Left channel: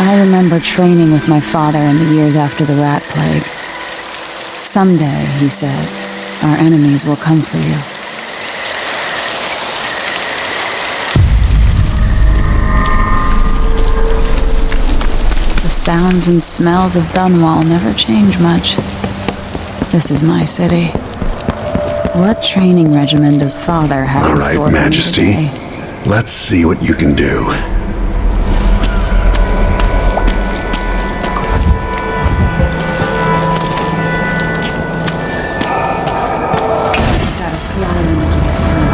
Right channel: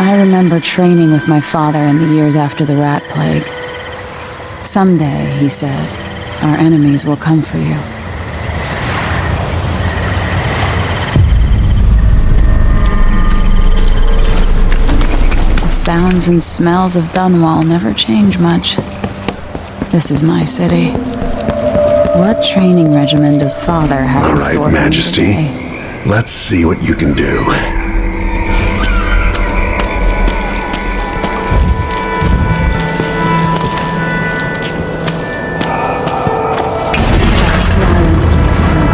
I remember training with my father in the years after the rat plague. Someday, he said, our enemies will come for you. The sounds and smells of Dunwall never change much. This is my city. What training regimen does Father have in store for me today? Majesty. Let's see what you can do. Gotta slide in to get through.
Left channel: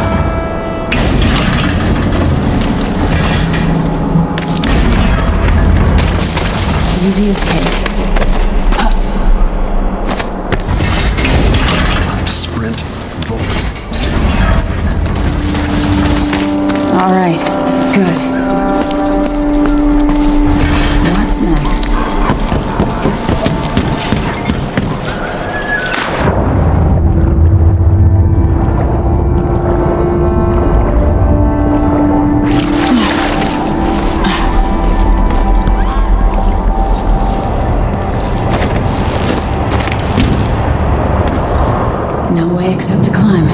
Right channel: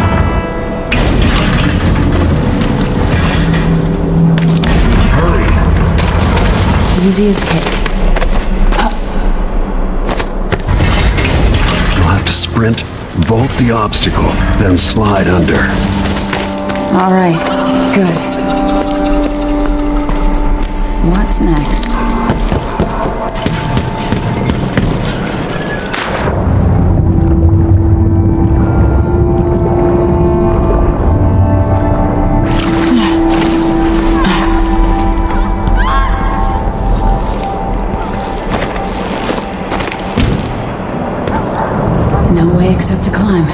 Easy as cake. You'll have to sprint, vault the obstacle, then slide under. All right, good. What's next? No way except to climb.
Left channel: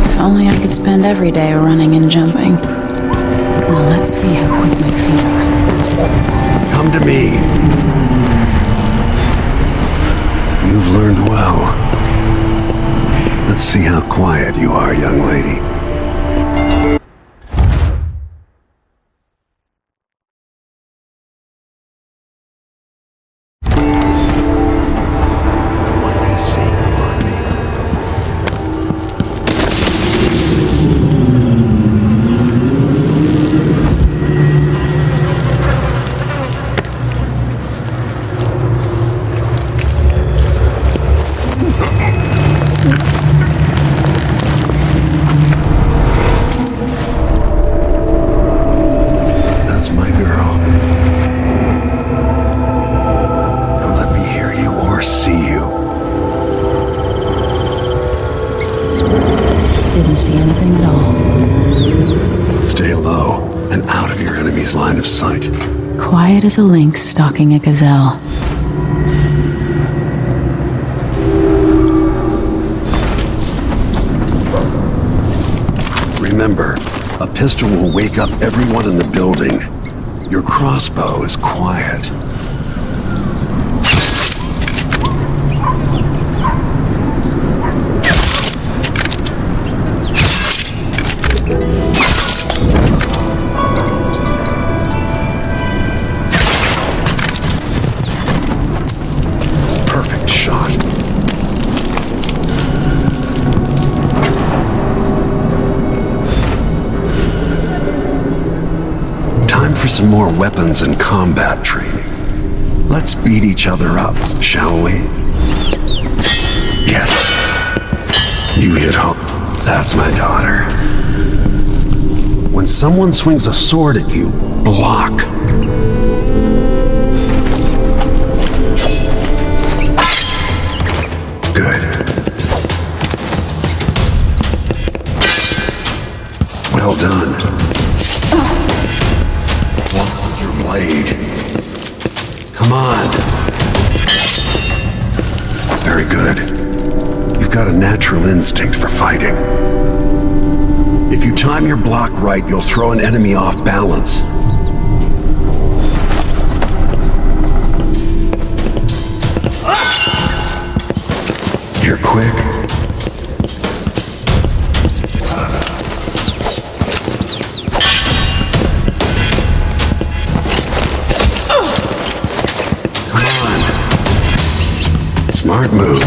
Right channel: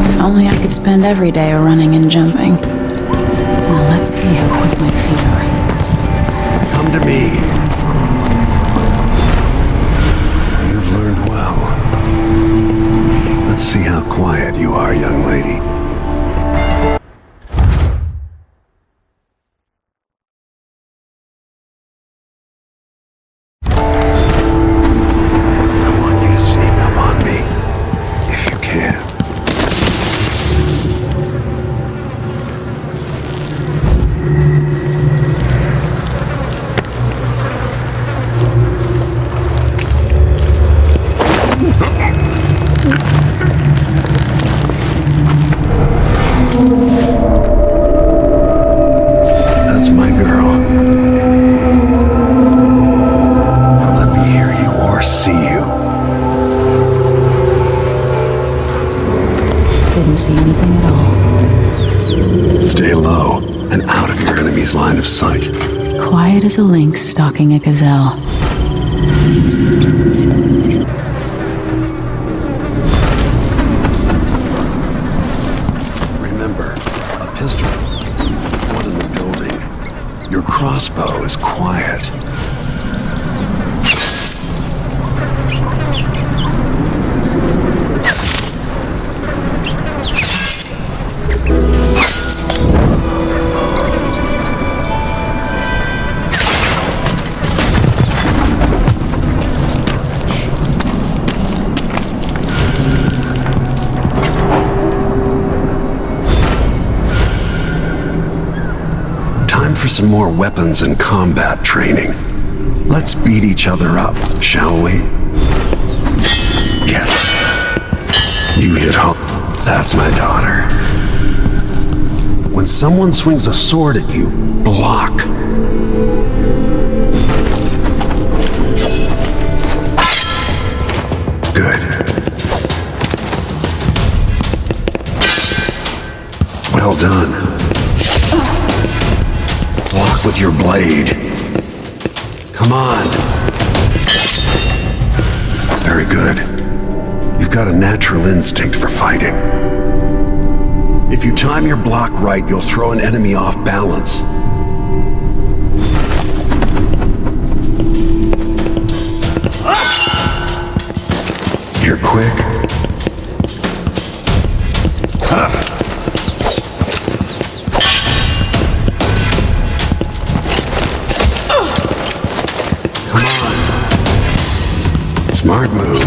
If only I could spend every day running and jumping. Now let's see how quick my feet are. Come to me. You've learned well. Let's see how quiet you are, young lady. That's my girl. Now let me hear you or see you. Didn't see anything at all. Stay low and out of your enemy's line of sight. Quiet as a lynx stalking a gazelle. Remember, a pistol will wake up everyone in the building. Your crossbow is quiet. Perfect shot. Time for some more weapons and combat training. Let's beat each other up, shall we? Yes. You hit home. That's my daughter. When someone swings a sword at you, block. Good. Well done. Block with your blade. Come on. Very good. You've got a natural instinct for fighting. If you time your block right, you'll throw an enemy off balance. You're quick. Smart move.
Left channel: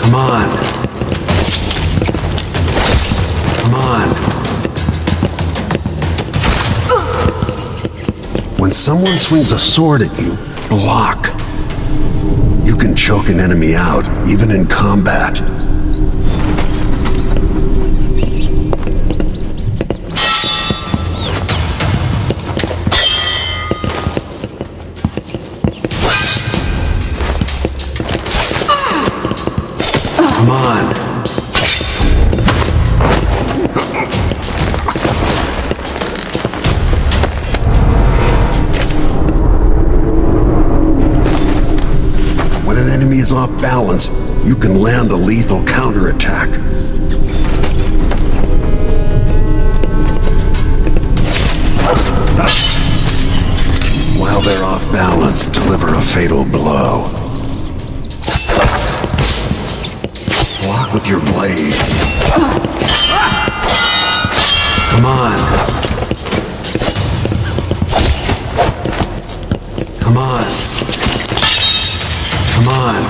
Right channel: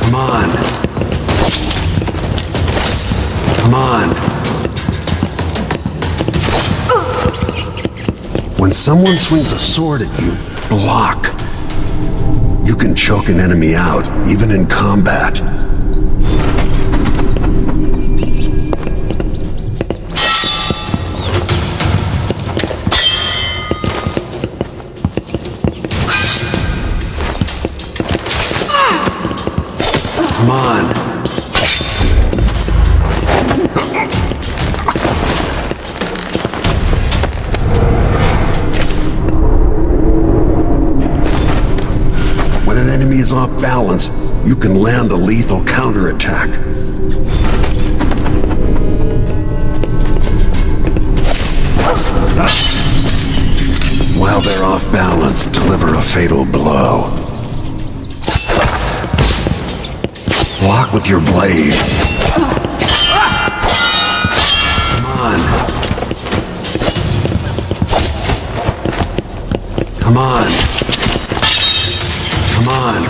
Come on. Come on. When someone swings a sword at you, block. You can choke an enemy out, even in combat. Come on. When an enemy is off balance, you can land a lethal counterattack. While they're off balance, deliver a fatal blow. Block with your blade. Come on. Come on. Come on.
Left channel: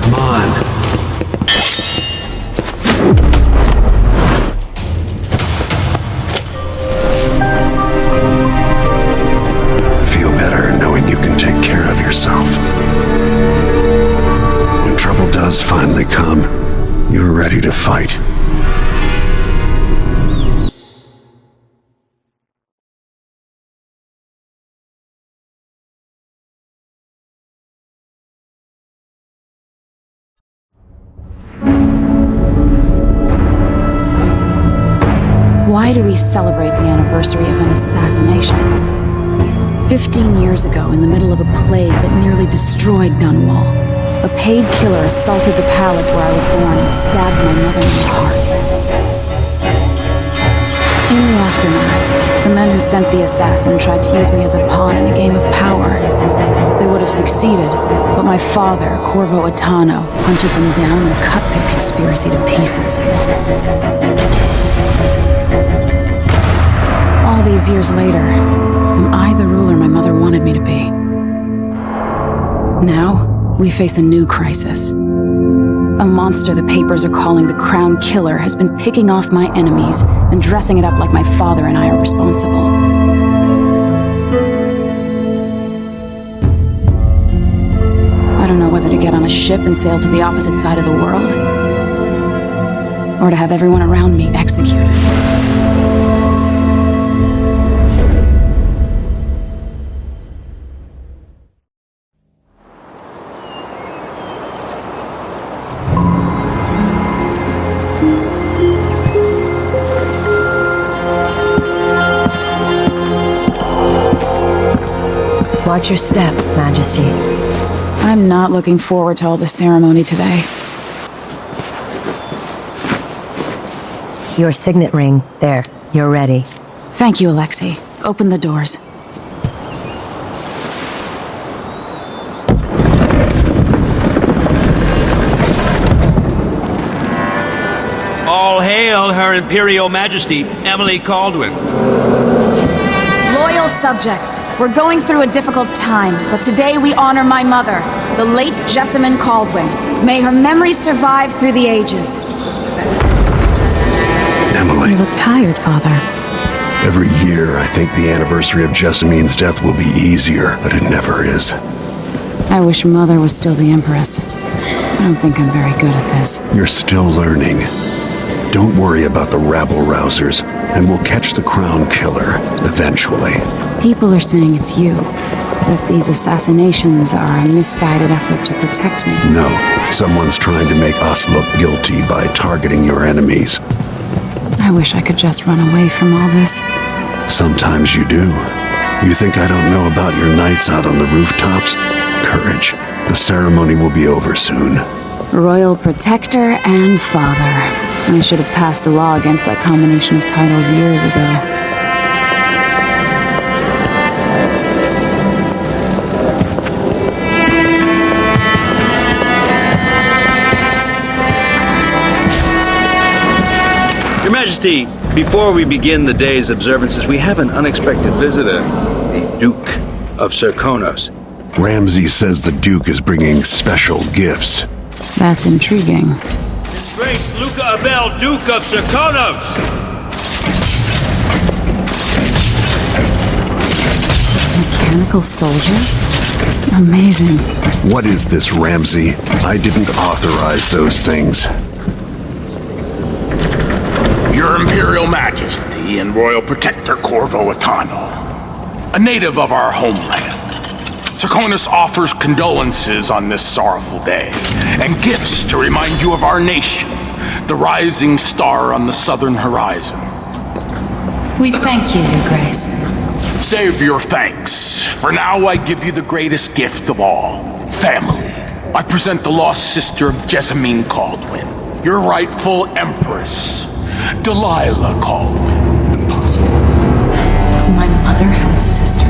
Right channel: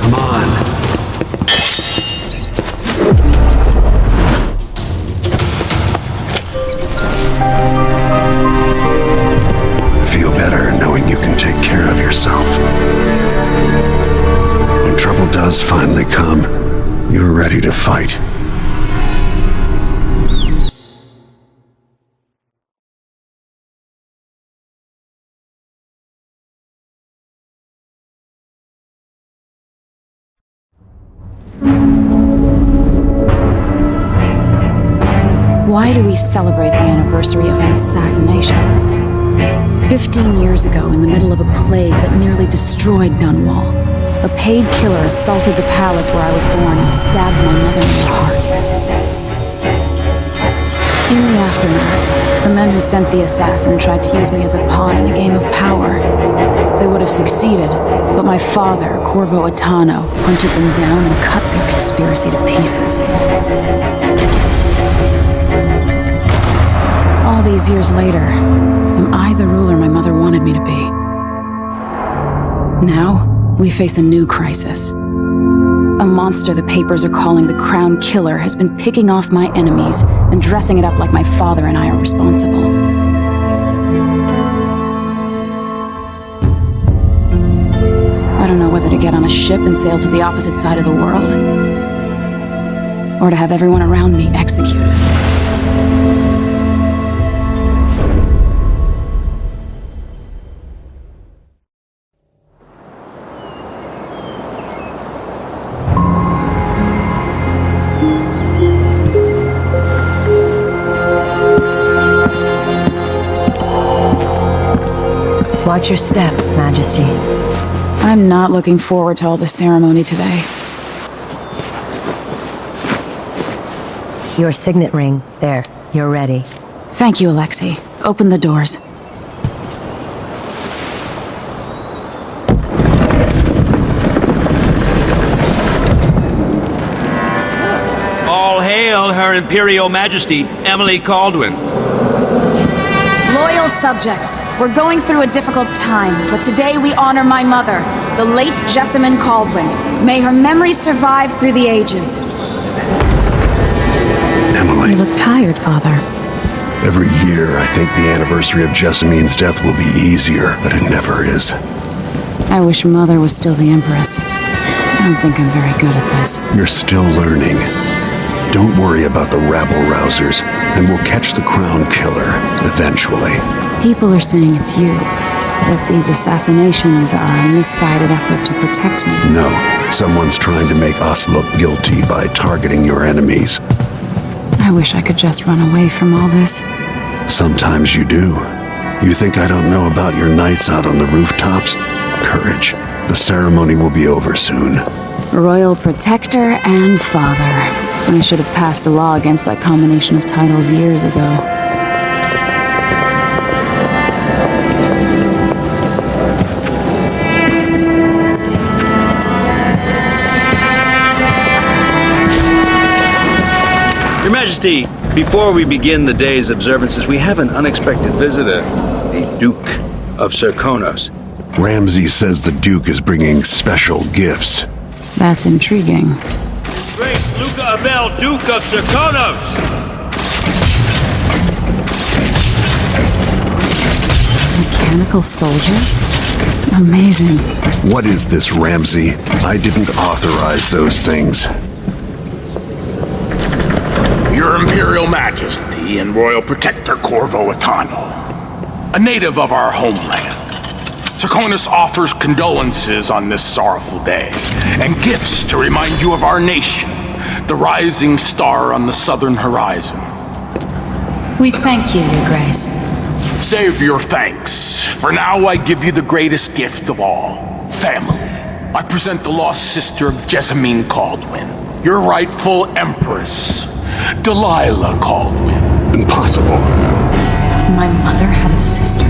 Come on. I feel better knowing you can take care of yourself. When trouble does finally come, you're ready to fight. Why do we celebrate the anniversary of an assassination? 15 years ago, in the middle of a plague that nearly destroyed Dunwall, a paid killer assaulted the palace where I was born and stabbed my mother in the heart. In the aftermath, the men who sent the assassin tried to use me as a pawn in a game of power. They would have succeeded, but my father, Corvo Attano, hunted them down and cut their conspiracy to pieces. All these years later, am I the ruler my mother wanted me to be? Now, we face a new crisis. A monster the papers are calling the Crown Killer has been picking off my enemies and dressing it up like my father and I are responsible. I don't know whether to get on a ship and sail to the opposite side of the world, or to have everyone around me executed. Watch your step, Majesty. I'm not looking forward to all the ceremony today. Your signet ring. There. You're ready. Thank you, Alexei. Open the doors. All hail Her Imperial Majesty, Emily Kaldwin. Loyal subjects, we're going through a difficult time, but today we honor my mother, the late Jessamine Kaldwin. May her memory survive through the ages. Emily. You look tired, Father. Every year, I think the anniversary of Jessamine's death will be easier, but it never is. I wish Mother was still the Empress. I don't think I'm very good at this. You're still learning. Don't worry about the rabble-rousers, and we'll catch the Crown Killer, eventually. People are saying it's you, that these assassinations are a misguided effort to protect me. No, someone's trying to make us look guilty by targeting your enemies. I wish I could just run away from all this. Sometimes you do. You think I don't know about your nights out on the rooftops? Courage. The ceremony will be over soon. Royal Protector and Father. I should have passed a law against that combination of titles years ago. Your Majesty, before we begin the day's observances, we have an unexpected visitor, the Duke of Serkonos. Ramsay says the Duke is bringing special gifts. That's intriguing. His Grace Luca Abel, Duke of Serkonos! Mechanical soldiers? Amazing. What is this, Ramsay? I didn't authorize those things. Your Imperial Majesty and Royal Protector Corvo Attano, a native of our homeland, Serkonos offers condolences on this sorrowful day, and gifts to remind you of our nation, the rising star on the southern horizon. We thank you, Your Grace. Save your thanks. For now, I give you the greatest gift of all, family. I present the lost sister of Emily Kaldwin, your rightful Empress, Delilah Copperspoon. Impossible. My mother had a sister?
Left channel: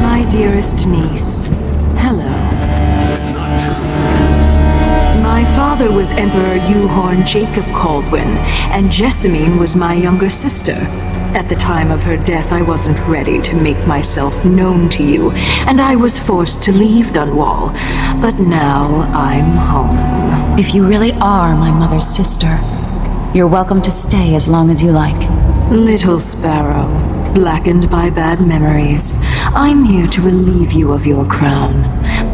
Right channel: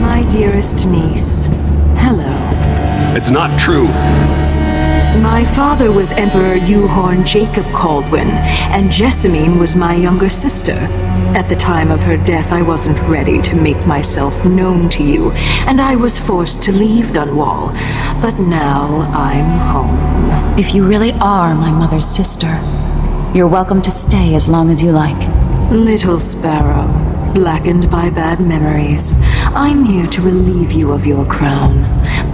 My dearest niece, hello. It's not true. My father was Emperor Euhorn Jacob Kaldwin, and Jessamine was my younger sister. At the time of her death, I wasn't ready to make myself known to you, and I was forced to leave Dunwall. But now I'm home. If you really are my mother's sister, you're welcome to stay as long as you like. Little sparrow, blackened by bad memories, I'm here to relieve you of your crown.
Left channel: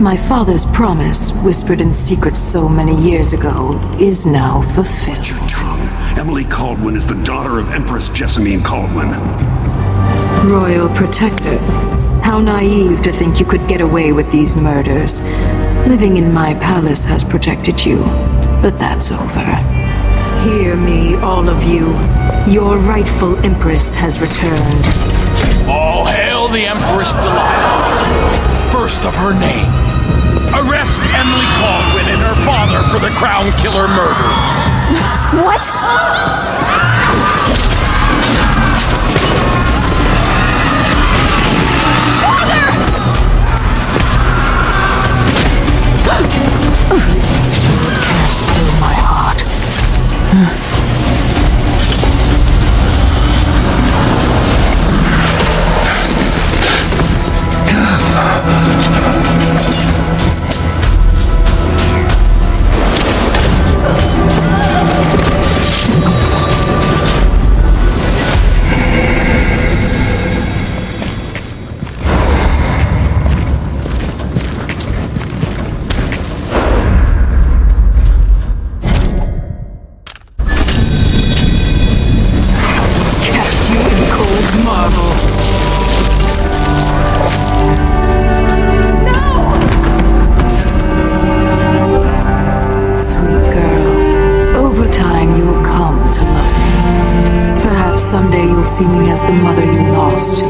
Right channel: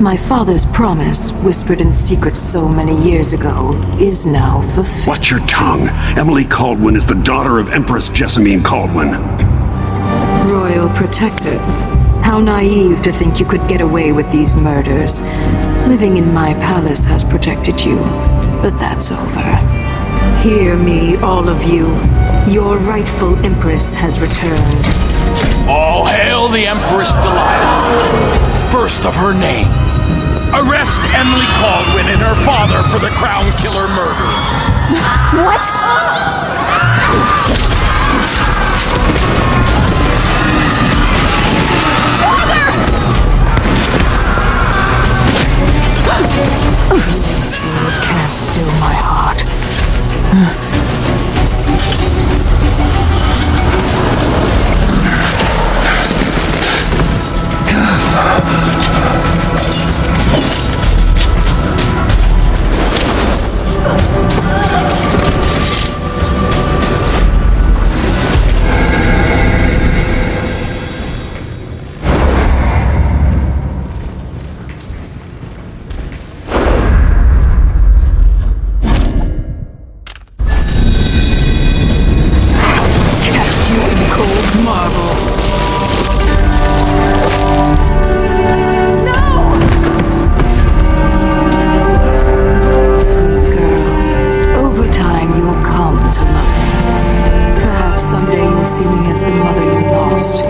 My father's promise, whispered in secret so many years ago, is now fulfilled. Watch your tongue. Emily Kaldwin is the daughter of Empress Jessamine Kaldwin. Royal Protector, how naive to think you could get away with these murders. Living in my palace has protected you, but that's over. Hear me, all of you. Your rightful Empress has returned. All hail the Empress Delilah, first of her name. Arrest Emily Kaldwin and her father for the Crown Killer murder. What? You can't still my heart. Someday you'll see me as the mother you lost.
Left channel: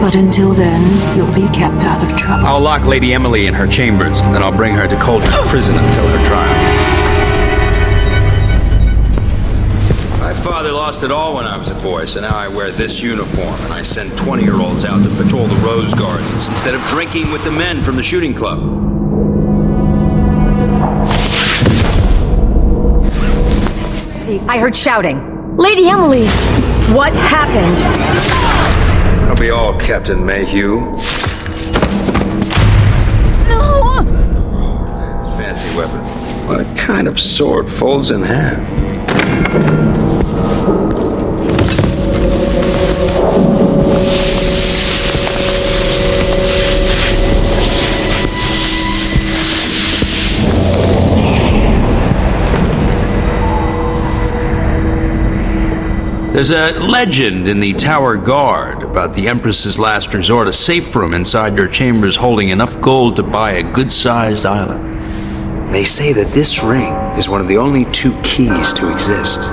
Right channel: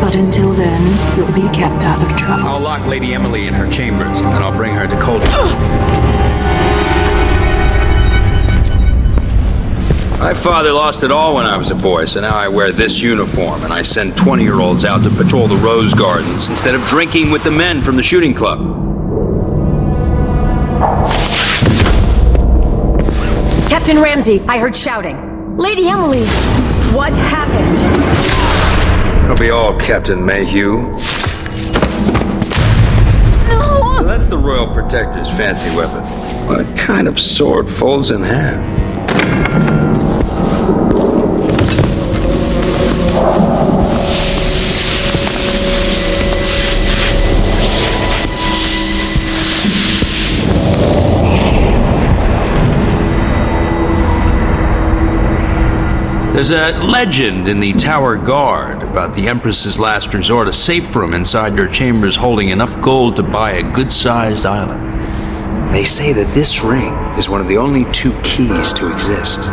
But until then, you'll be kept out of trouble. I'll lock Lady Emily in her chambers, and I'll bring her to Coldstream Prison until her trial. My father lost it all when I was a boy, so now I wear this uniform, and I send 20-year-olds out to patrol the rose gardens instead of drinking with the men from the shooting club. Captain Ramsey, I heard shouting. Lady Emily, what happened? That'll be all, Captain Mayhew. No! That's the Royal Protector's fancy weapon. What kind of sword folds in half? There's a legend in the Tower Guard about the Empress's last resort, a safe room inside your chambers holding enough gold to buy a good-sized island. They say that this ring is one of the only two keys to exist.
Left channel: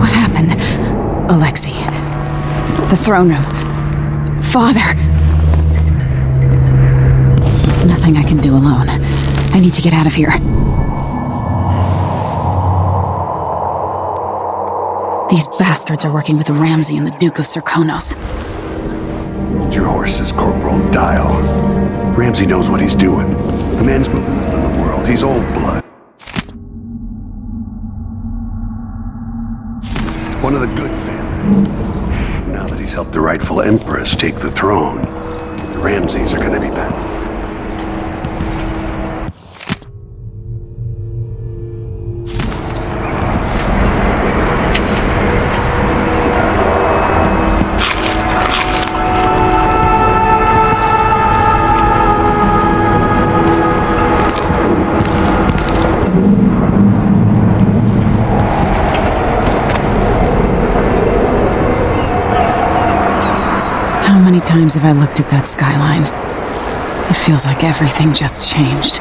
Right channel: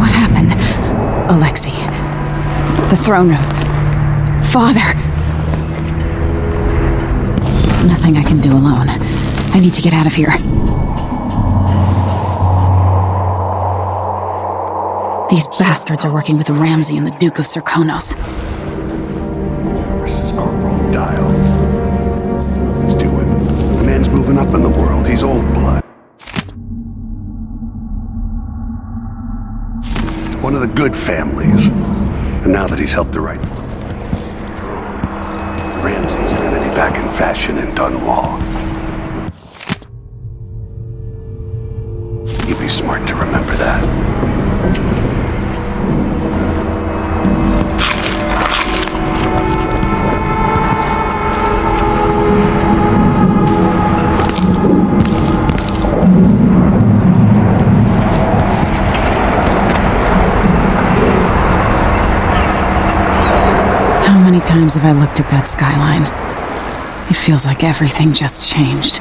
What happened? Alexei. The throne room. Father. Nothing I can do alone. I need to get out of here. These bastards are working with Ramsey and the Duke of Serkonos. Your horse is Corporal Dial. Ramsey knows what he's doing. The man's moving up in the world. He's old blood. One of the good families. And now that he's helped the rightful Empress take the throne, the Ramseys are going to be back in fashion in Dunwall. You'd be smart to remember that. times have I looked at that skyline? It feels like everything just changed.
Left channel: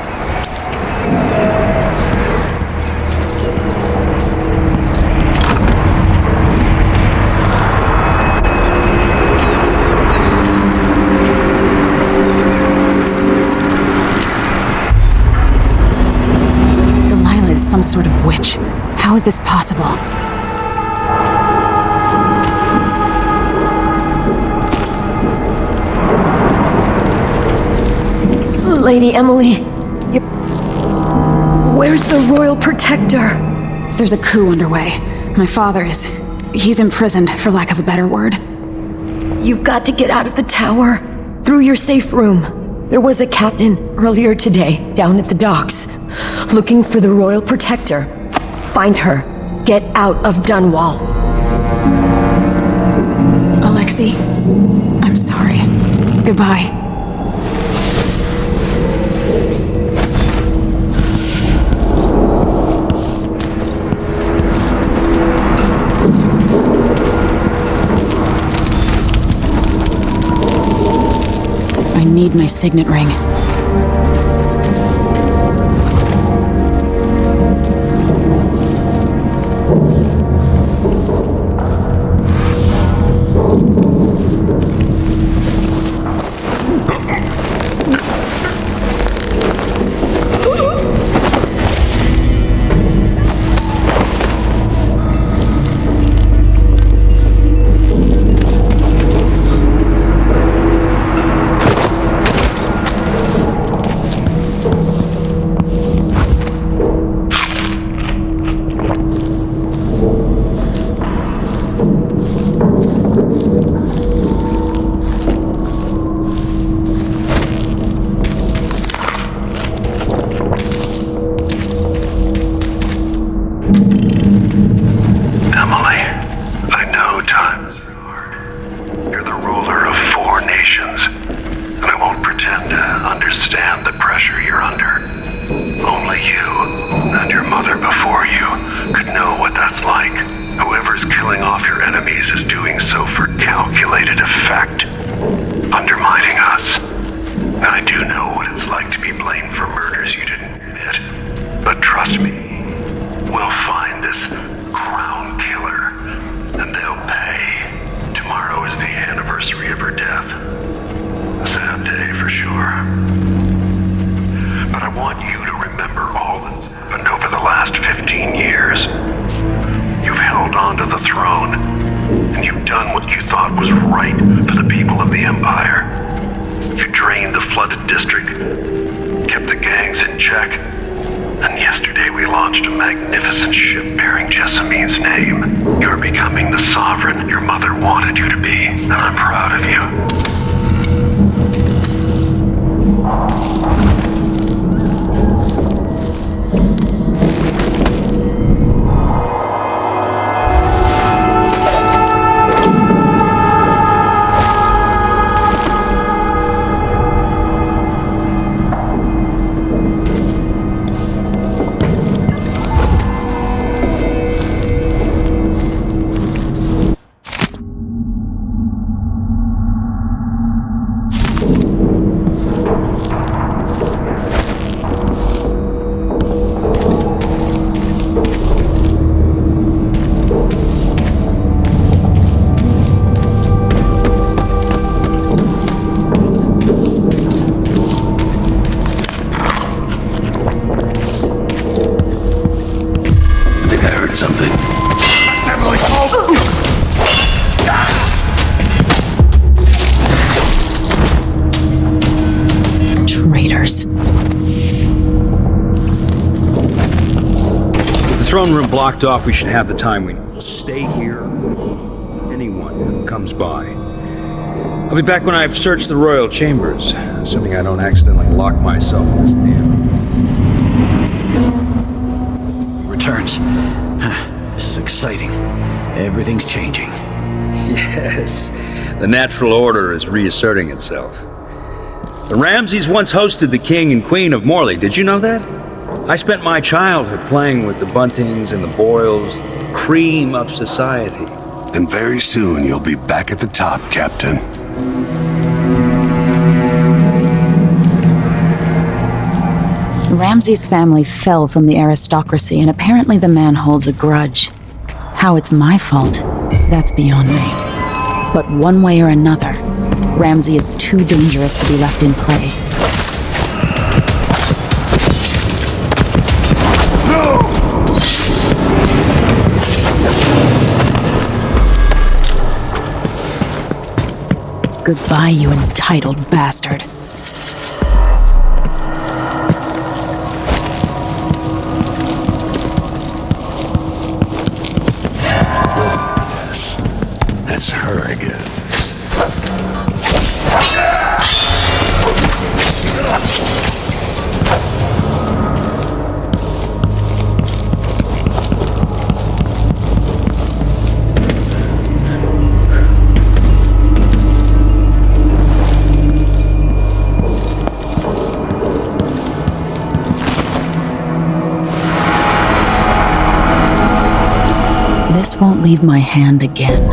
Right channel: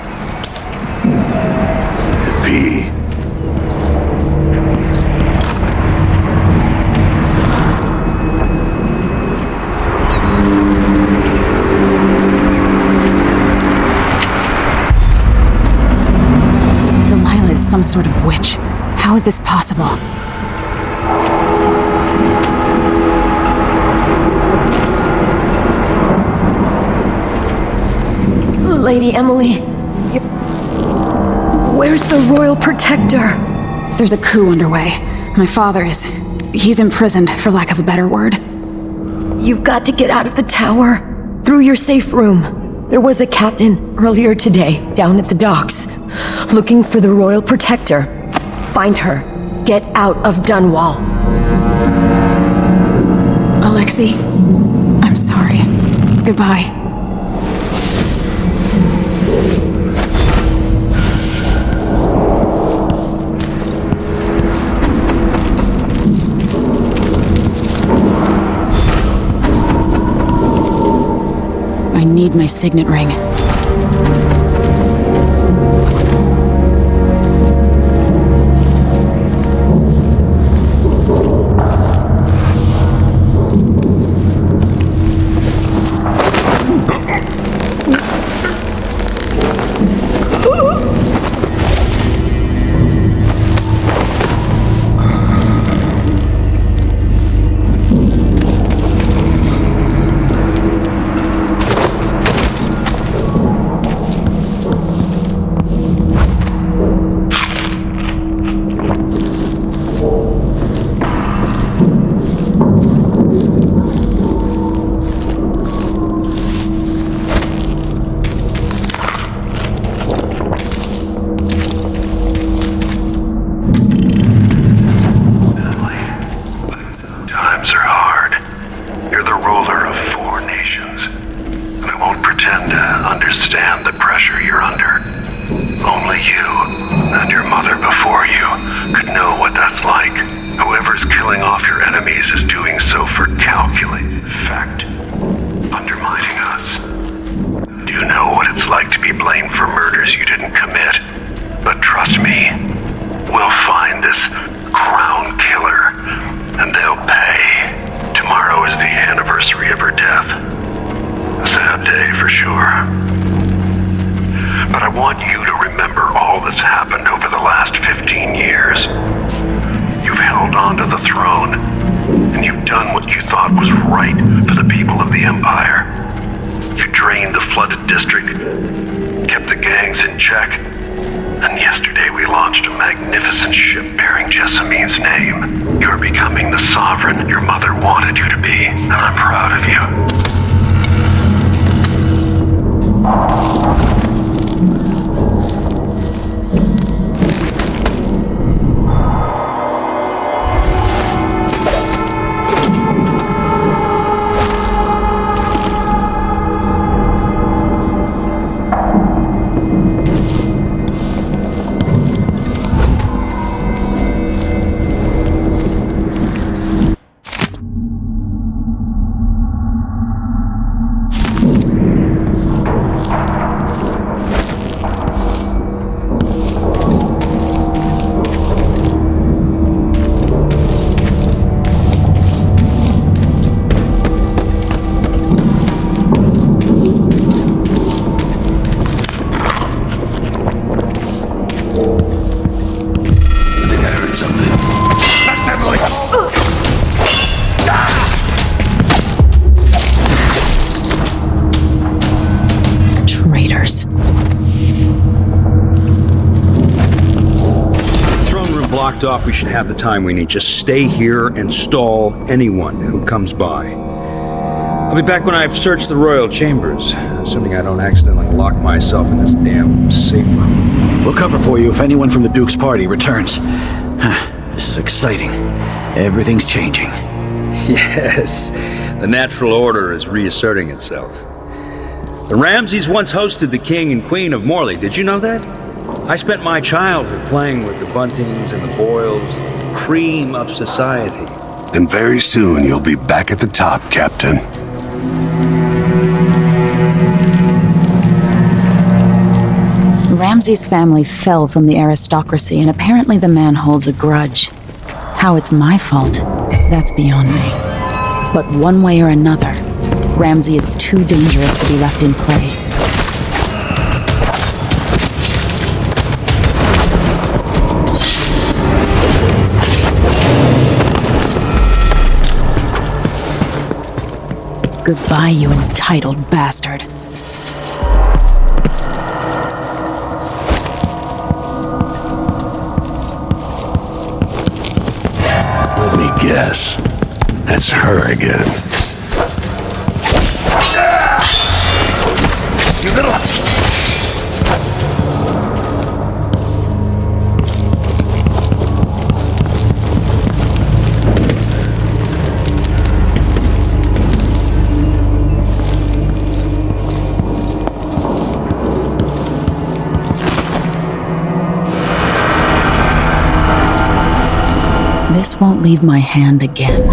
Delilah is some sort of witch. How is this possible? Lady Emily, where's the Royal Protector? There's a coup underway. My father he's imprisoned, for lack of a better word. You've got to get out of the tower. Through your safe room. There was a captain earlier today, down at the docks, looking for the Royal Protector. Find her. Get out of Dunwall. Alexei, I'm sorry. Goodbye. I need my signet ring. Blocked off, we should have the time we need. Just stay here and stall anyone who comes by. I'll be back when I've searched the royal chambers, assuming I don't accidentally lock myself in this damn safe room. We'll cover for you if anyone from the Duke's party returns. This is exciting. Everything's changing. Yes, the natural order is reasserting itself. The Ramseys once hosted the King and Queen of Morley. Did you know that? I spent my childhood playing with the Buntings and the Boyles, cream of society. And very soon you'll be back at the top, Captain. Ramsay's family fell from the aristocracy, and apparently the man holds a grudge. How it's my fault, that's beyond me. But one way or another, Ramsay is too dangerous to be left in play. Goodbye, you entitled bastard. Let me guess. That's her again. You little... This won't leave my hand again.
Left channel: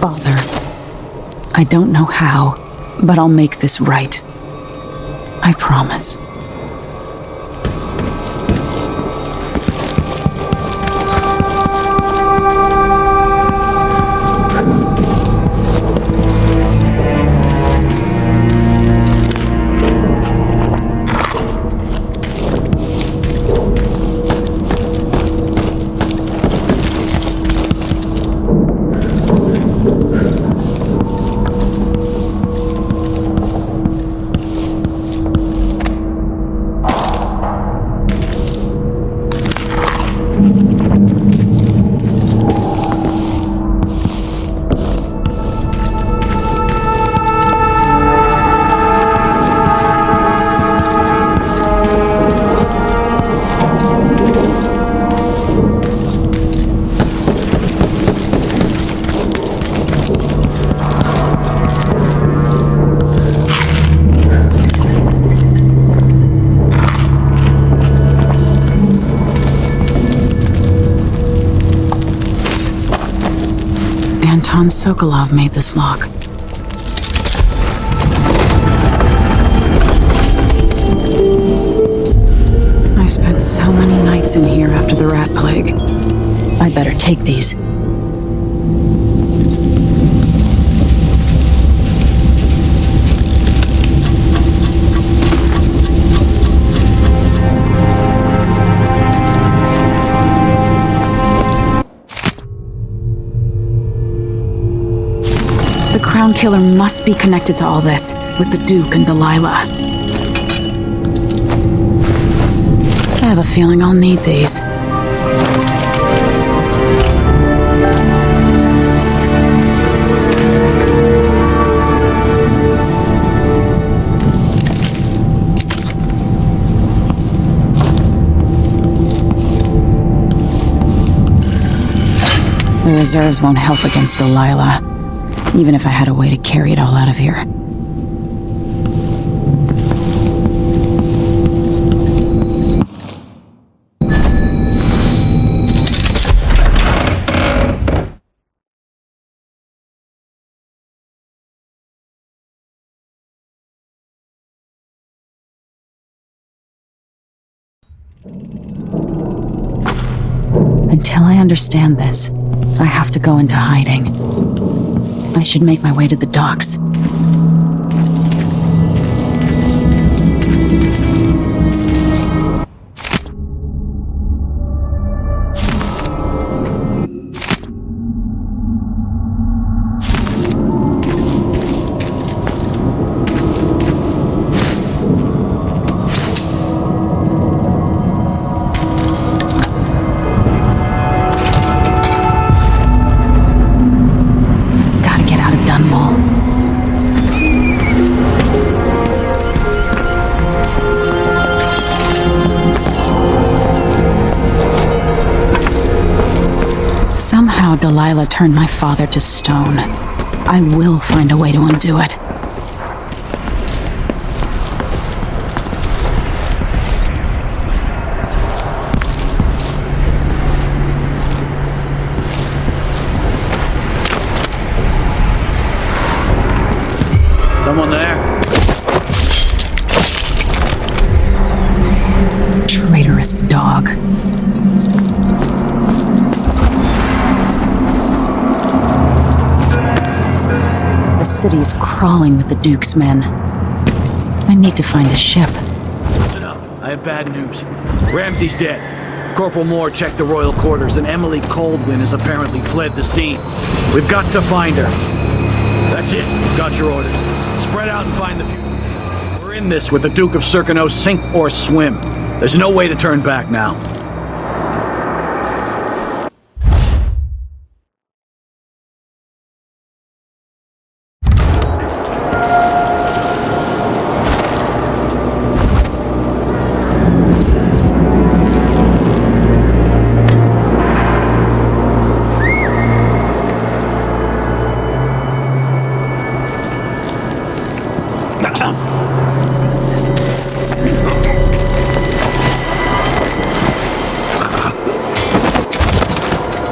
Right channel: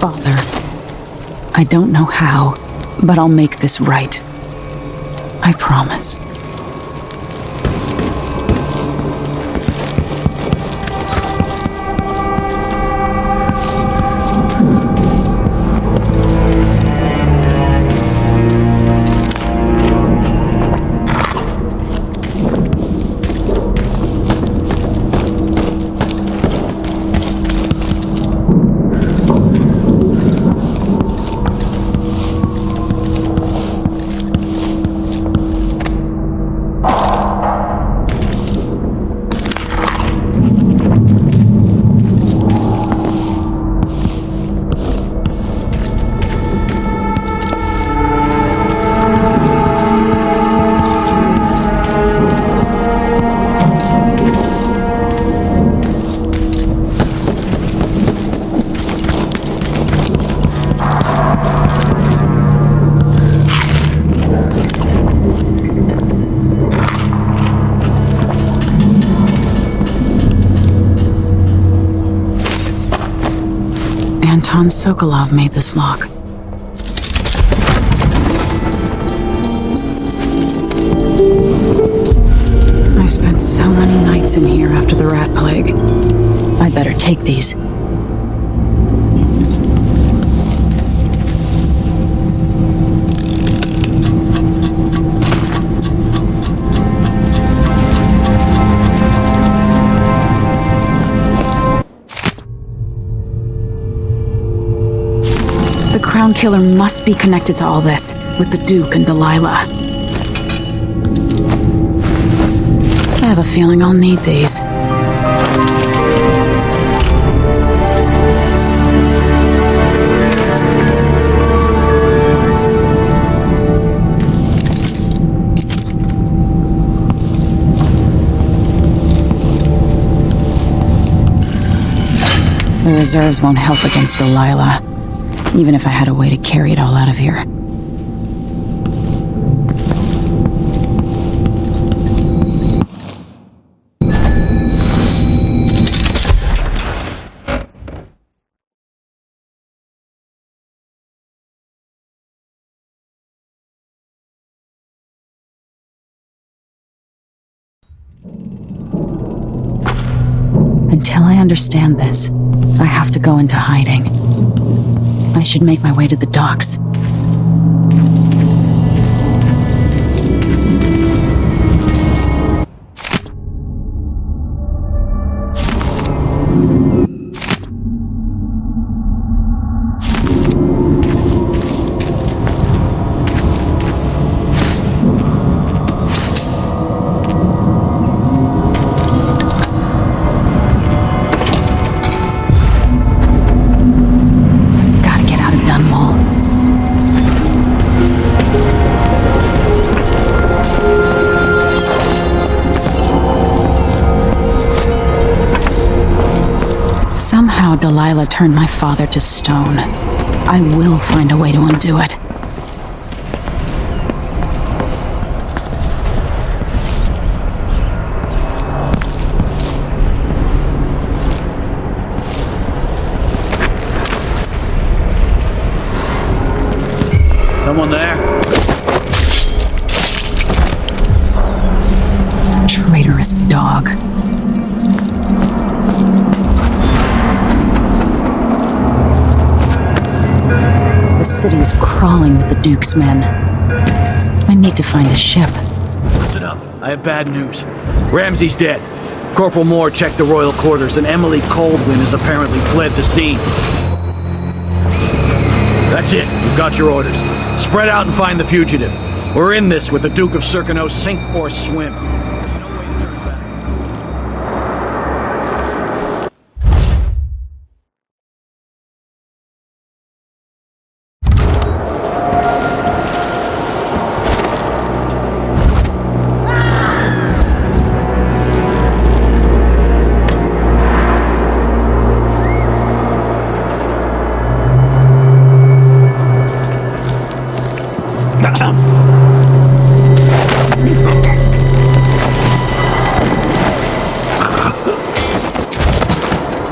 Father, I don't know how, but I'll make this right. I promise. Anton Sokolov made this lock. I spent so many nights in here after the rat plague. I better take these. The Crown Killer must be connected to all this, with the Duke and Delilah. I have a feeling I'll need these. The reserves won't help against Delilah, even if I had a way to carry it all out of here. Until I understand this, I have to go into hiding. I should make my way to the docks. Somehow Delilah turned my father to stone. I will find a way to undo it. Someone there? Traitorous dog. The city's crawling with the Duke's men. I need to find a ship. Listen up. I have bad news. Ramsey's dead. Corporal Moore checked the royal quarters, and Emily Kaldwin has apparently fled the scene. We've got to find her. That's it. You've got your orders. Spread out and find the fugitive. We're in this with the Duke of Circano, sink or swim. There's no way to turn back now.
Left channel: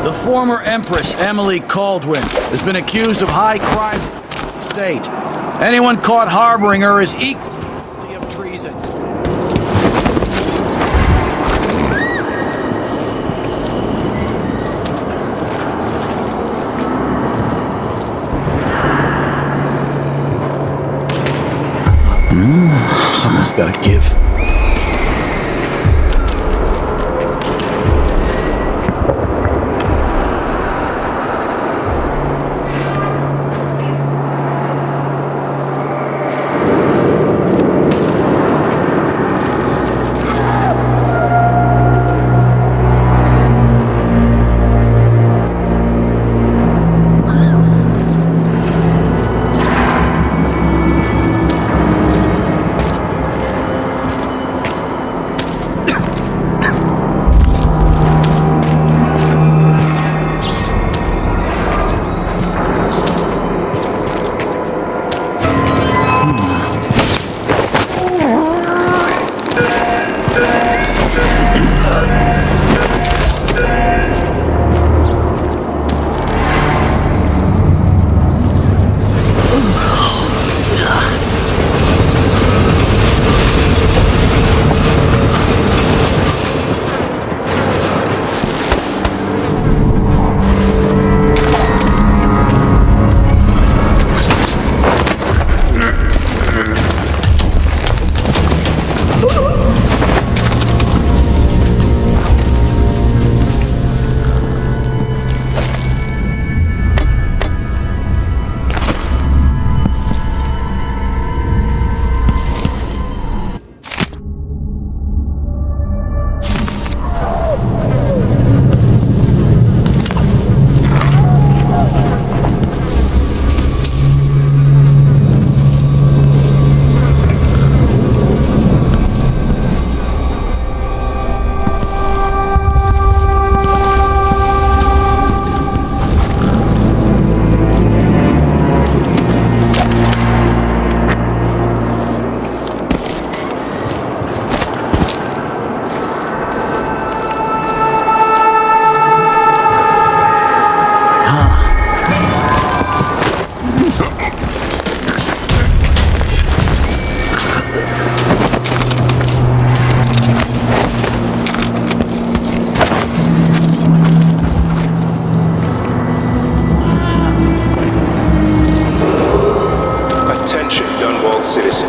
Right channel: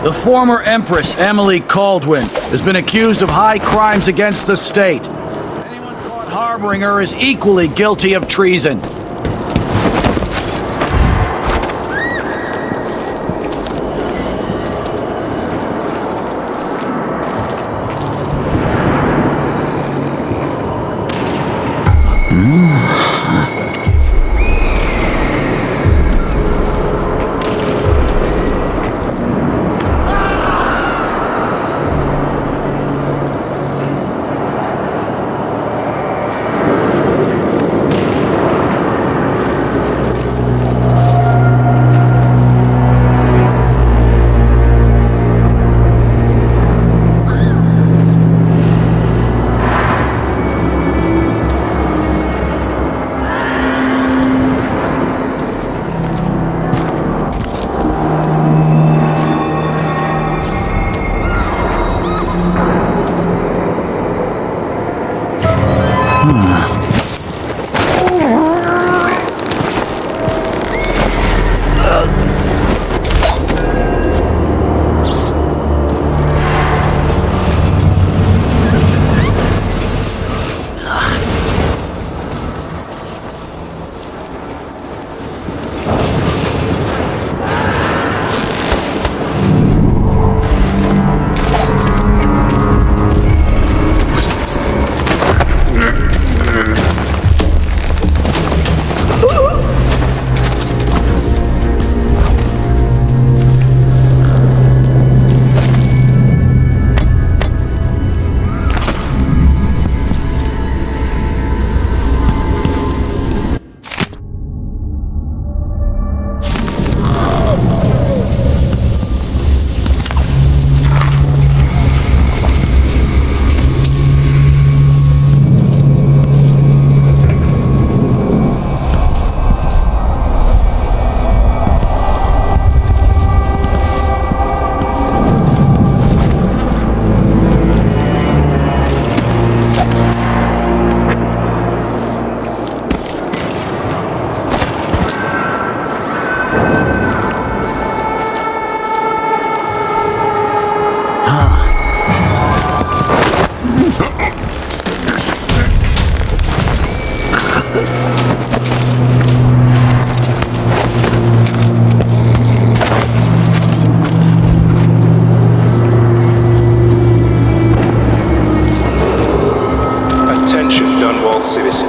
The former Empress Emily Kaldwin has been accused of high crimes against the state. Anyone caught harboring her is equally guilty of treason. Someone's got to give.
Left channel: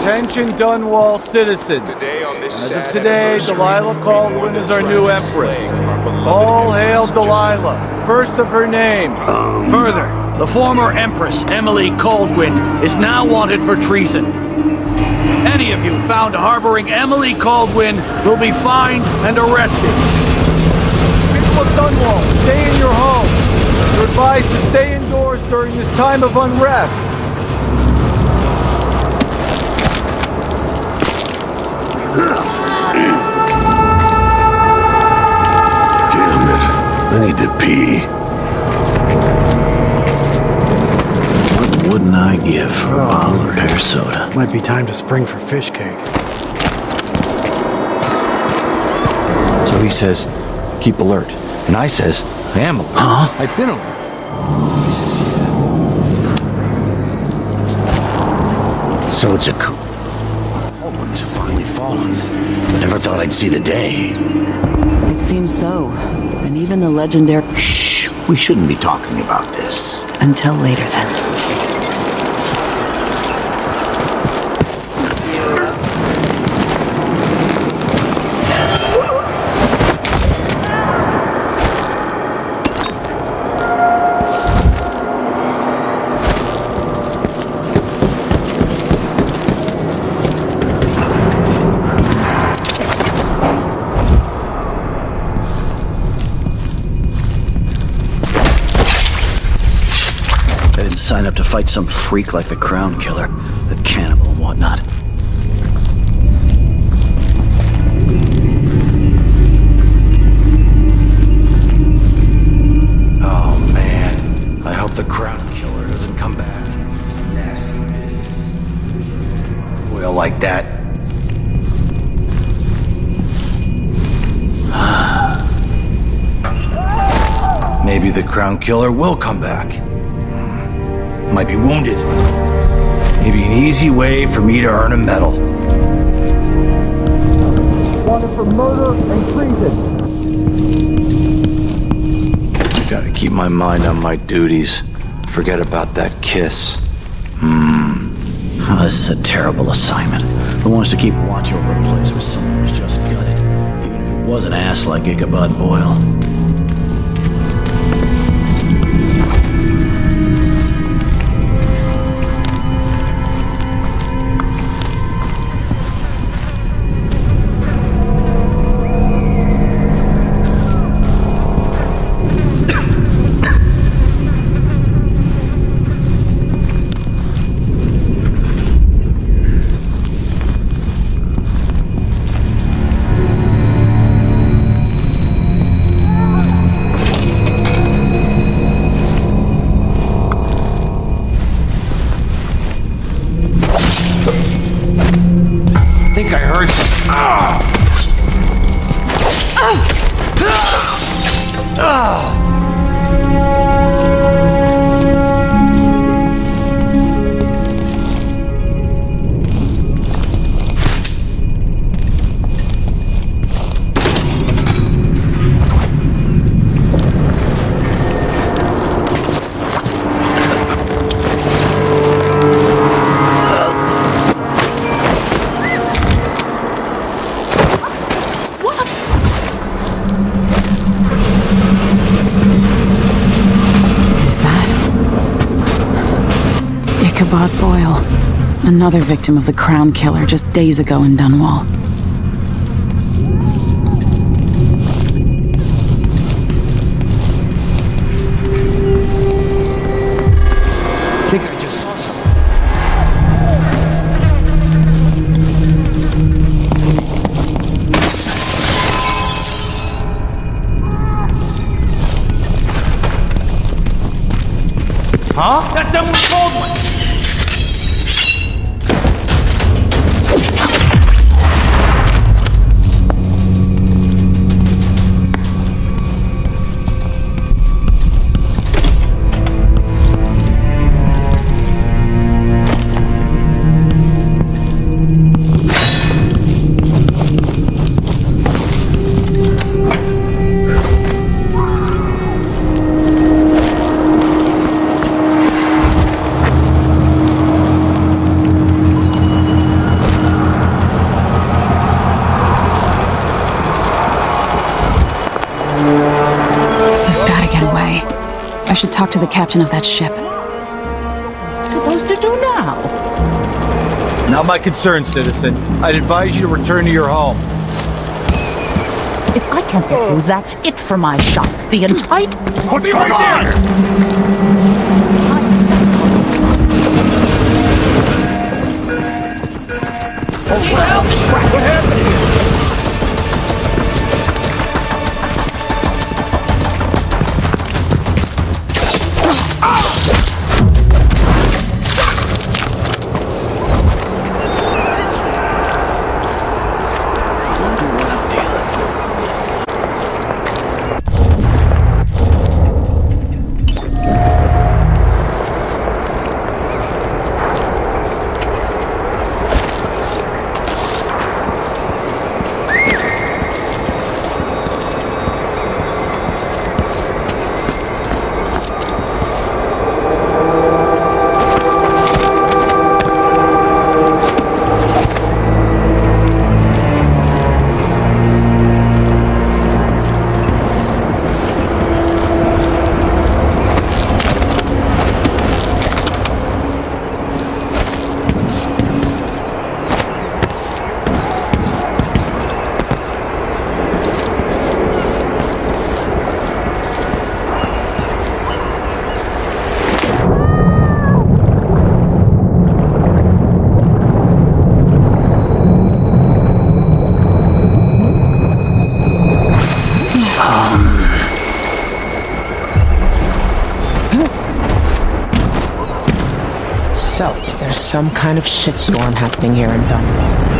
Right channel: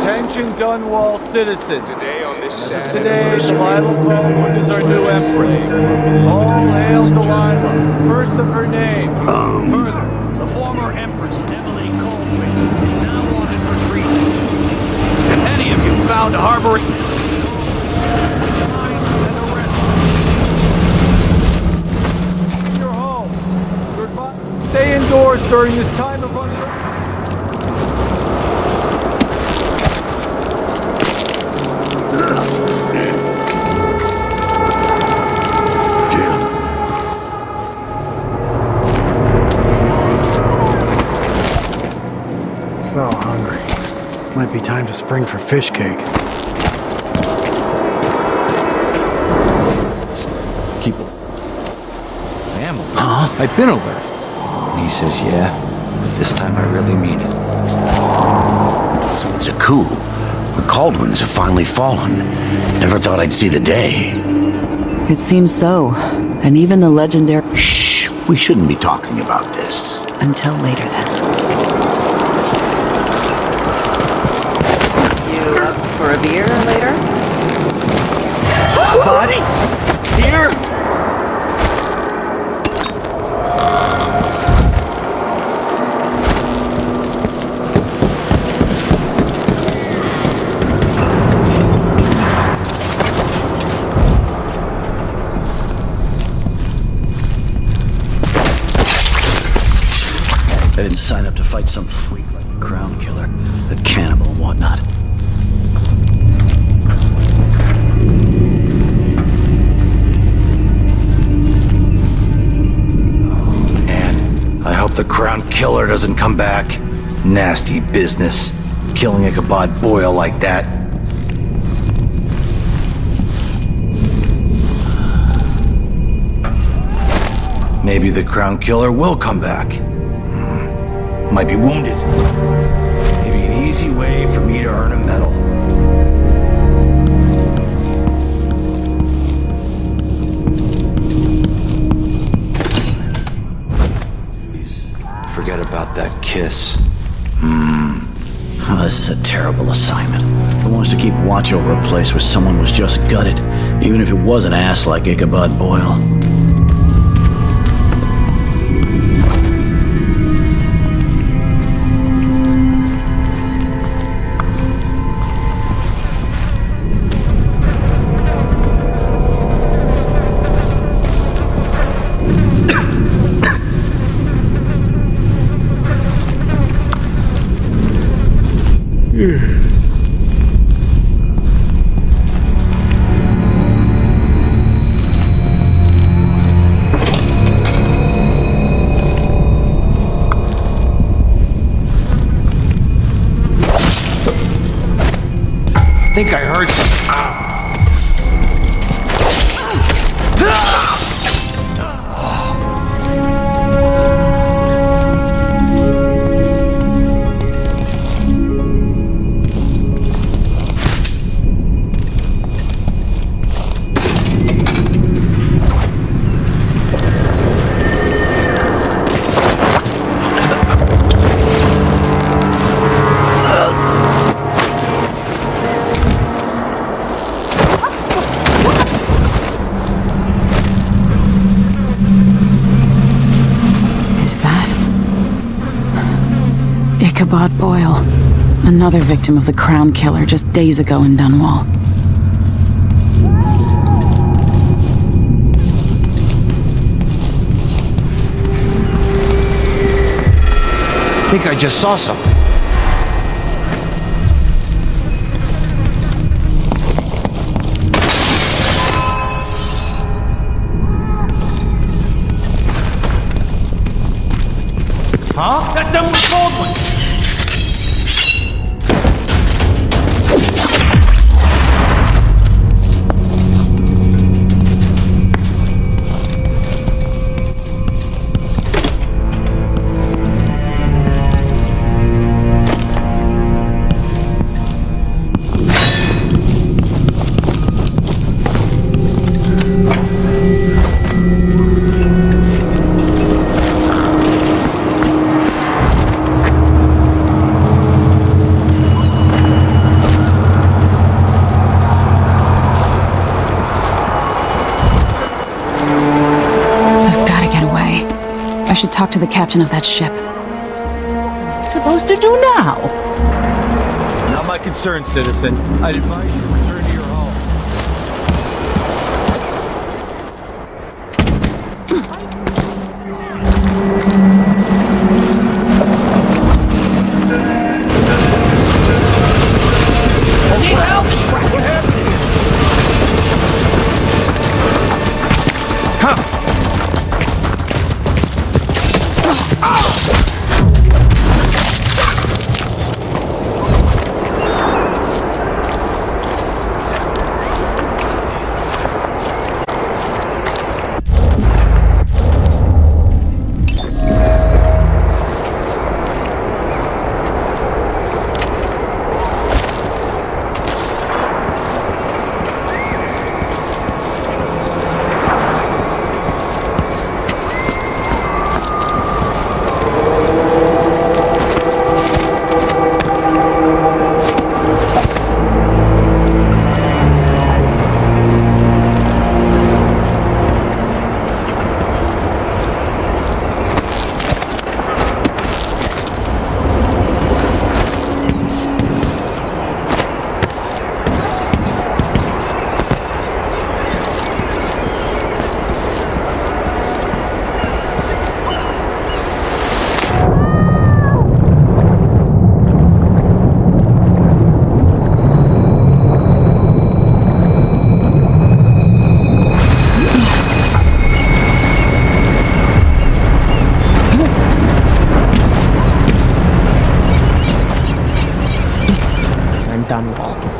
Attention Dunwall citizens. As of today, Delilah Copperspoon is our new Empress. All hail Delilah, first of her name. Further, the former Empress Emily Kaldwin is now wanted for treason. Any of you found harboring Emily Kaldwin will be fined and arrested. People of Dunwall, stay in your homes. You're advised to stay indoors during this time of unrest. Damn it. I need to pee. What wouldn't I give for a hamburger soda? Might be time to spring for fish cake. So he says, keep alert. And I says, I am alert. Huh? I've been alert. He says, yeah, this time I really mean it. So it's a coup. The Kaldwins have finally fallen. Never thought I'd see the day. It seems so. And even the legendary... Shh! We shouldn't be talking about this. Until later, then. You up for a beer later? Buddy! Here! I didn't sign up to fight some freak like the Crown Killer, that cannibal and whatnot. Oh man, I hope the Crown Killer doesn't come back. Nasty business, killing Ichabod Boyle like that. Maybe the Crown Killer will come back. Might be wounded. Maybe an easy way for me to earn a medal. Wanted for murder and treason. Gotta keep my mind on my duties. Forget about that kiss. Oh, this is a terrible assignment. Who wants to keep watch over a place where someone was just gutted, even if it was an ass like Ichabod Boyle? I think I heard some. Ichabod Boyle, another victim of the Crown Killer just days ago in Dunwall. I think I just saw something. Huh? That's Emily Kaldwin! I should talk to the captain of that ship. Supposed to do now? Not my concern, citizen. I'd advise you to return to your home. If I can't get through, that's it for my shop. The entire... What's going on? What the hell? This crap? What happened here?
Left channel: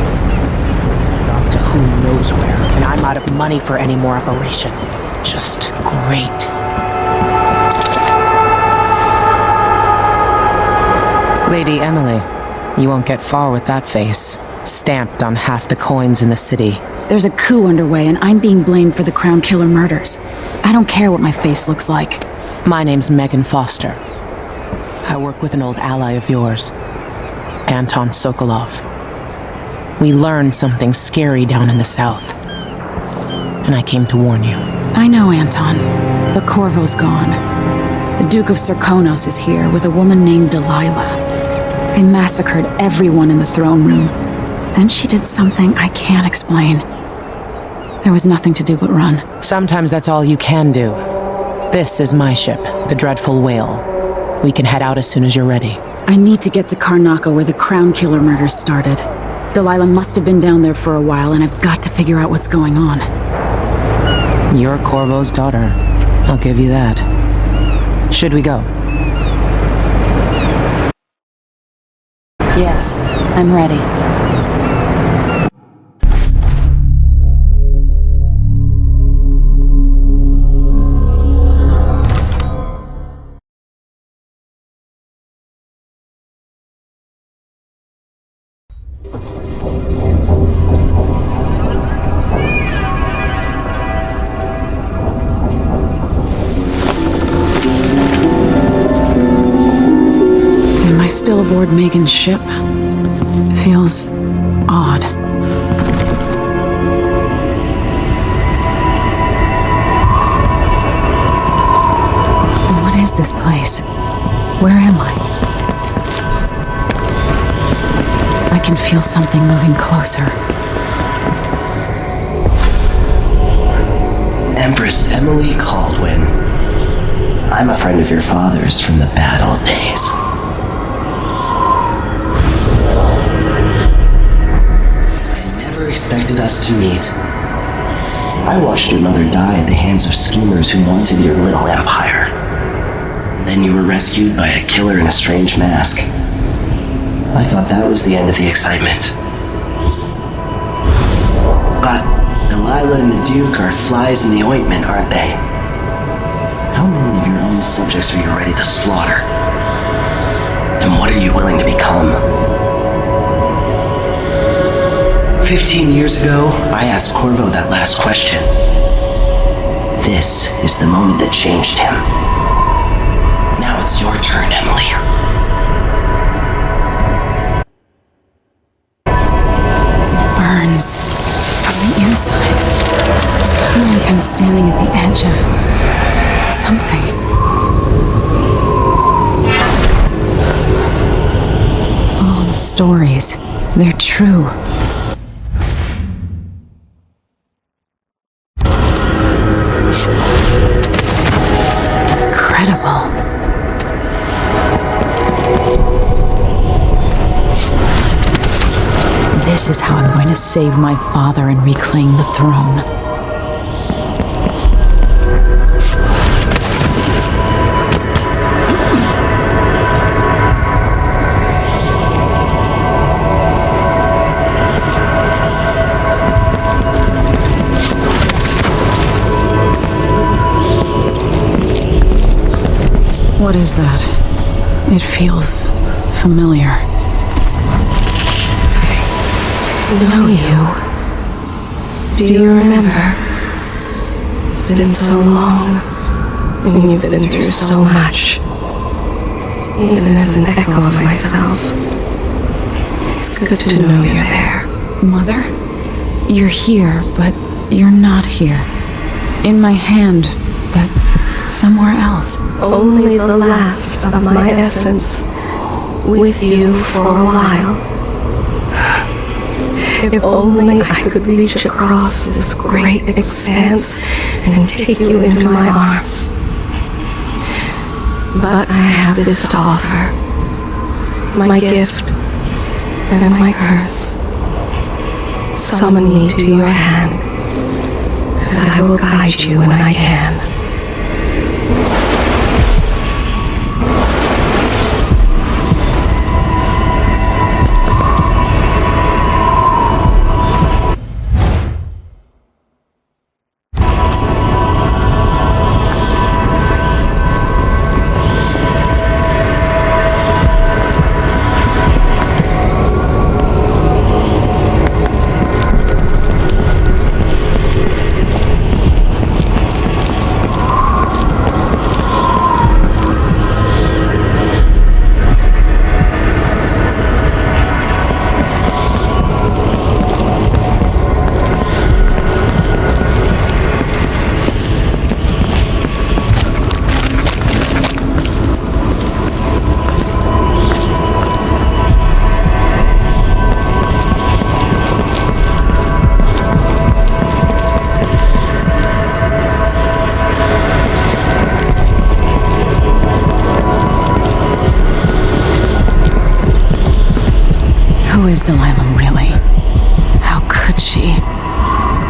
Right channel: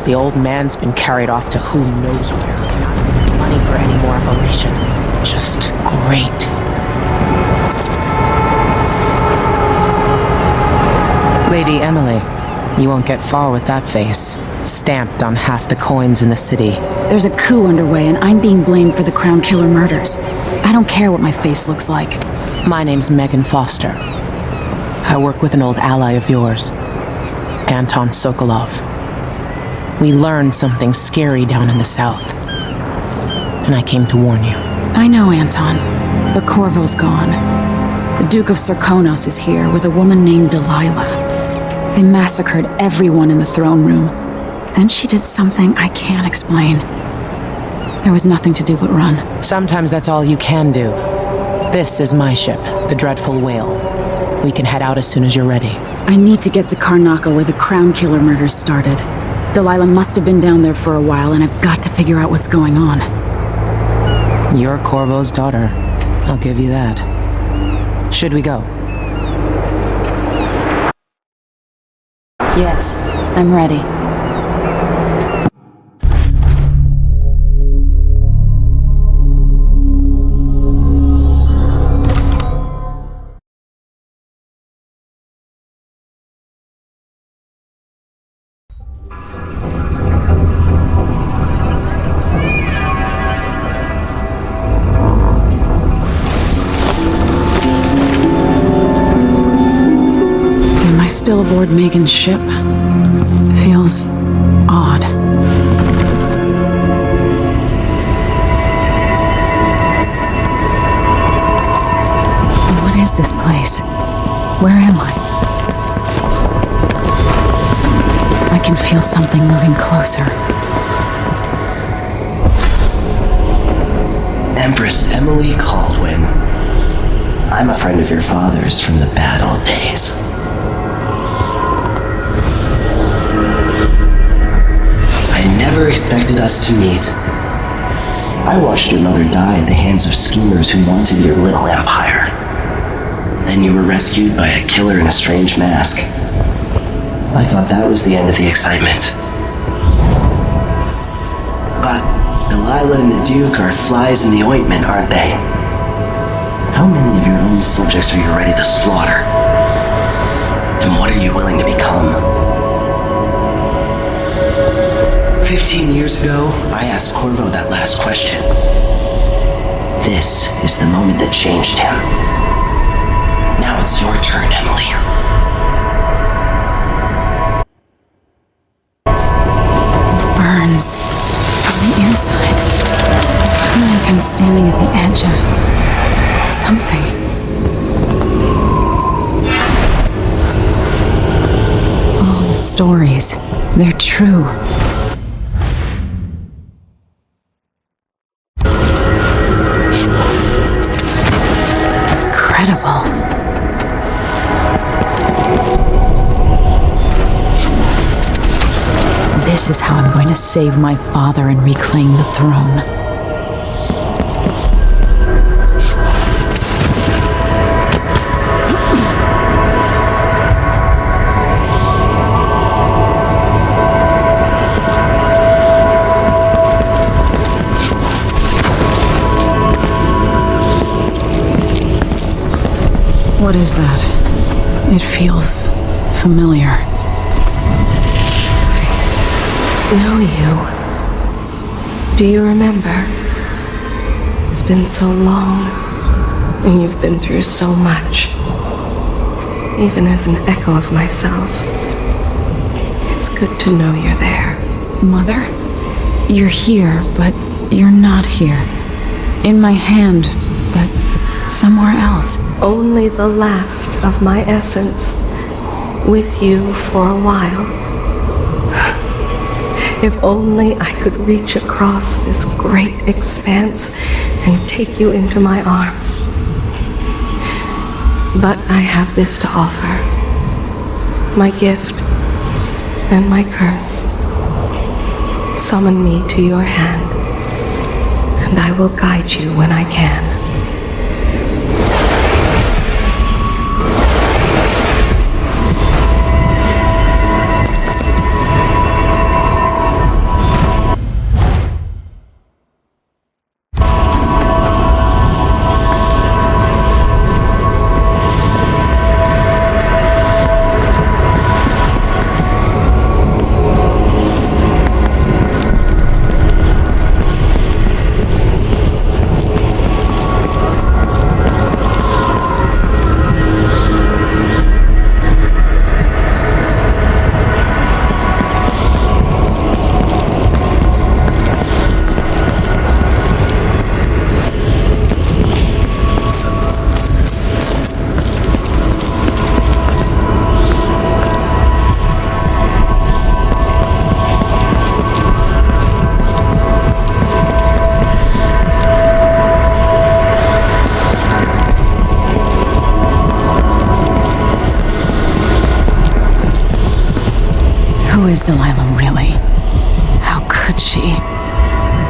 The old man's been carried off to who knows where, and I'm out of money for any more operations. Just great. Lady Emily, you won't get far with that face. Stamped on half the coins in the city. There's a coup underway, and I'm being blamed for the Crown Killer murders. I don't care what my face looks like. My name's Megan Foster. I work with an old ally of yours, Anton Sokolov. We learned something scary down in the south, and I came to warn you. I know Anton, but Corvo's gone. The Duke of Serkonos is here with a woman named Delilah. They massacred everyone in the throne room. Then she did something I can't explain. There was nothing to do but run. Sometimes that's all you can do. This is my ship, the Dreadful Whale. We can head out as soon as you're ready. I need to get to Karnaca where the Crown Killer murders started. Delilah must have been down there for a while, and I've got to figure out what's going on. You're Corvo's daughter. I'll give you that. Should we go? Yes, I'm ready. Still aboard Megan's ship. Feels odd. What is this place? Where am I? I can feel something moving closer. Empress Emily Kaldwin. I'm a friend of your father's from the bad old days. Never expected us to meet. I watched your mother die at the hands of schemers who wanted your little empire. Then you were rescued by a killer in a strange mask. I thought that was the end of the excitement. But Delilah and the Duke are flies in the ointment, aren't they? How many of your own subjects are you ready to slaughter? And what are you willing to become? 15 years ago, I asked Corvo that last question. This is the moment that changed him. Now it's your turn, Emily. Burns from the inside. I feel like I'm standing at the edge of something. All the stories, they're true. Incredible. This is how I'm going to save my father and reclaim the throne. What is that? It feels familiar. Know you. Do you remember? It's been so long, and you've been through so much. Even as an echo of myself, it's good to know you're there. Mother? You're here, but you're not here. In my hand, but somewhere else. Only the last of my essence, with you for a while. If only I could reach across this great expanse and take you into my arms. But I have this to offer. My gift and my curse. Summon me to your hand, and I will guide you when I can.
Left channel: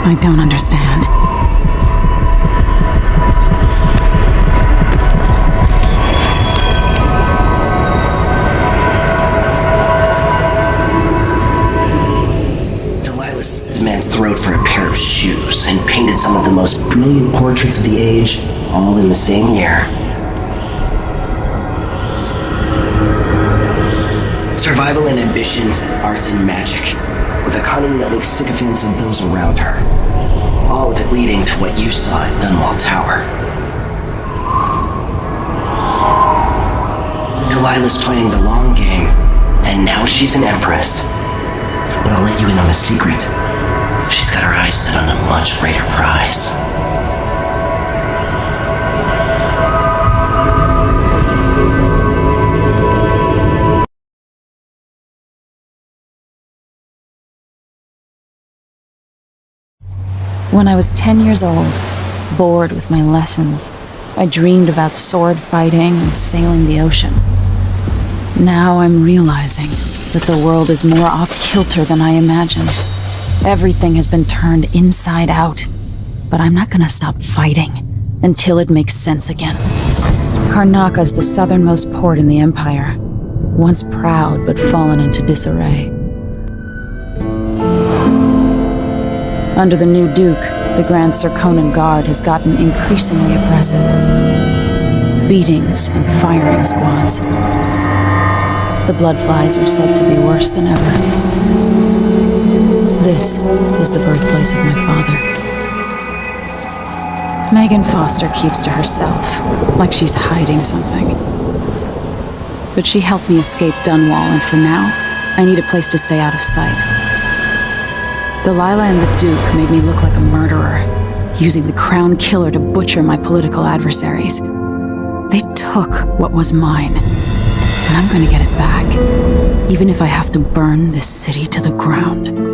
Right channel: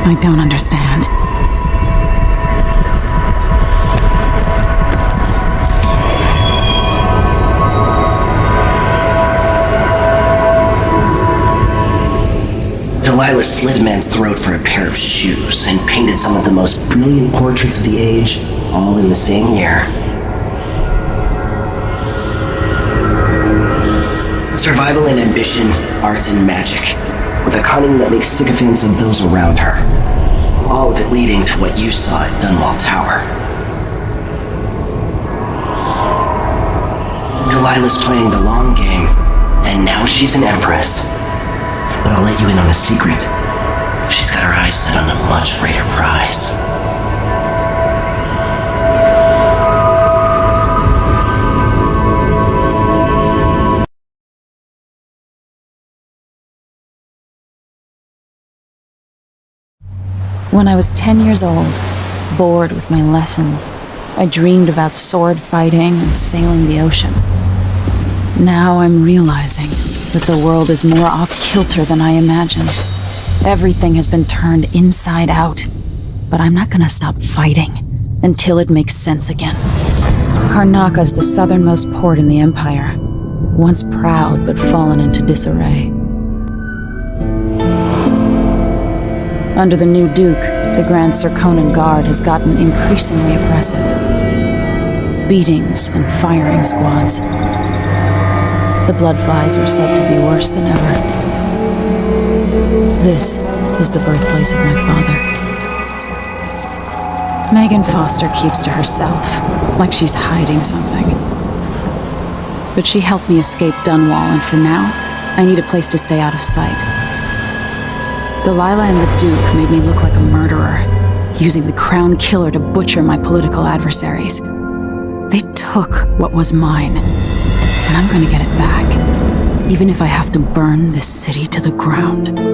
I don't understand. Delilah slit a man's throat for a pair of shoes and painted some of the most brilliant portraits of the age, all in the same year. Survival and ambition, art and magic, with a cunning that makes sycophants of those around her. All of it leading to what you saw at Dunwall Tower. Delilah's playing the long game, and now she's an empress. But I'll let you in on a secret. She's got her eyes set on a much greater prize. When I was 10 years old, bored with my lessons, I dreamed about sword fighting and sailing the ocean. Now I'm realizing that the world is more off-kilter than I imagined. Everything has been turned inside out, but I'm not gonna stop fighting until it makes sense again. Karnaka's the southernmost port in the Empire, once proud but fallen into disarray. Under the new Duke, the Grand Serkonan Guard has gotten increasingly oppressive. Beatings and firing squads. The bloodflies are said to be worse than ever. This is the birthplace of my father. Megan Foster keeps to herself, like she's hiding something. But she helped me escape Dunwall, and for now, I need a place to stay out of sight. Delilah and the Duke made me look like a murderer, using the Crown Killer to butcher my political adversaries. They took what was mine, and I'm gonna get it back, even if I have to burn this city to the ground.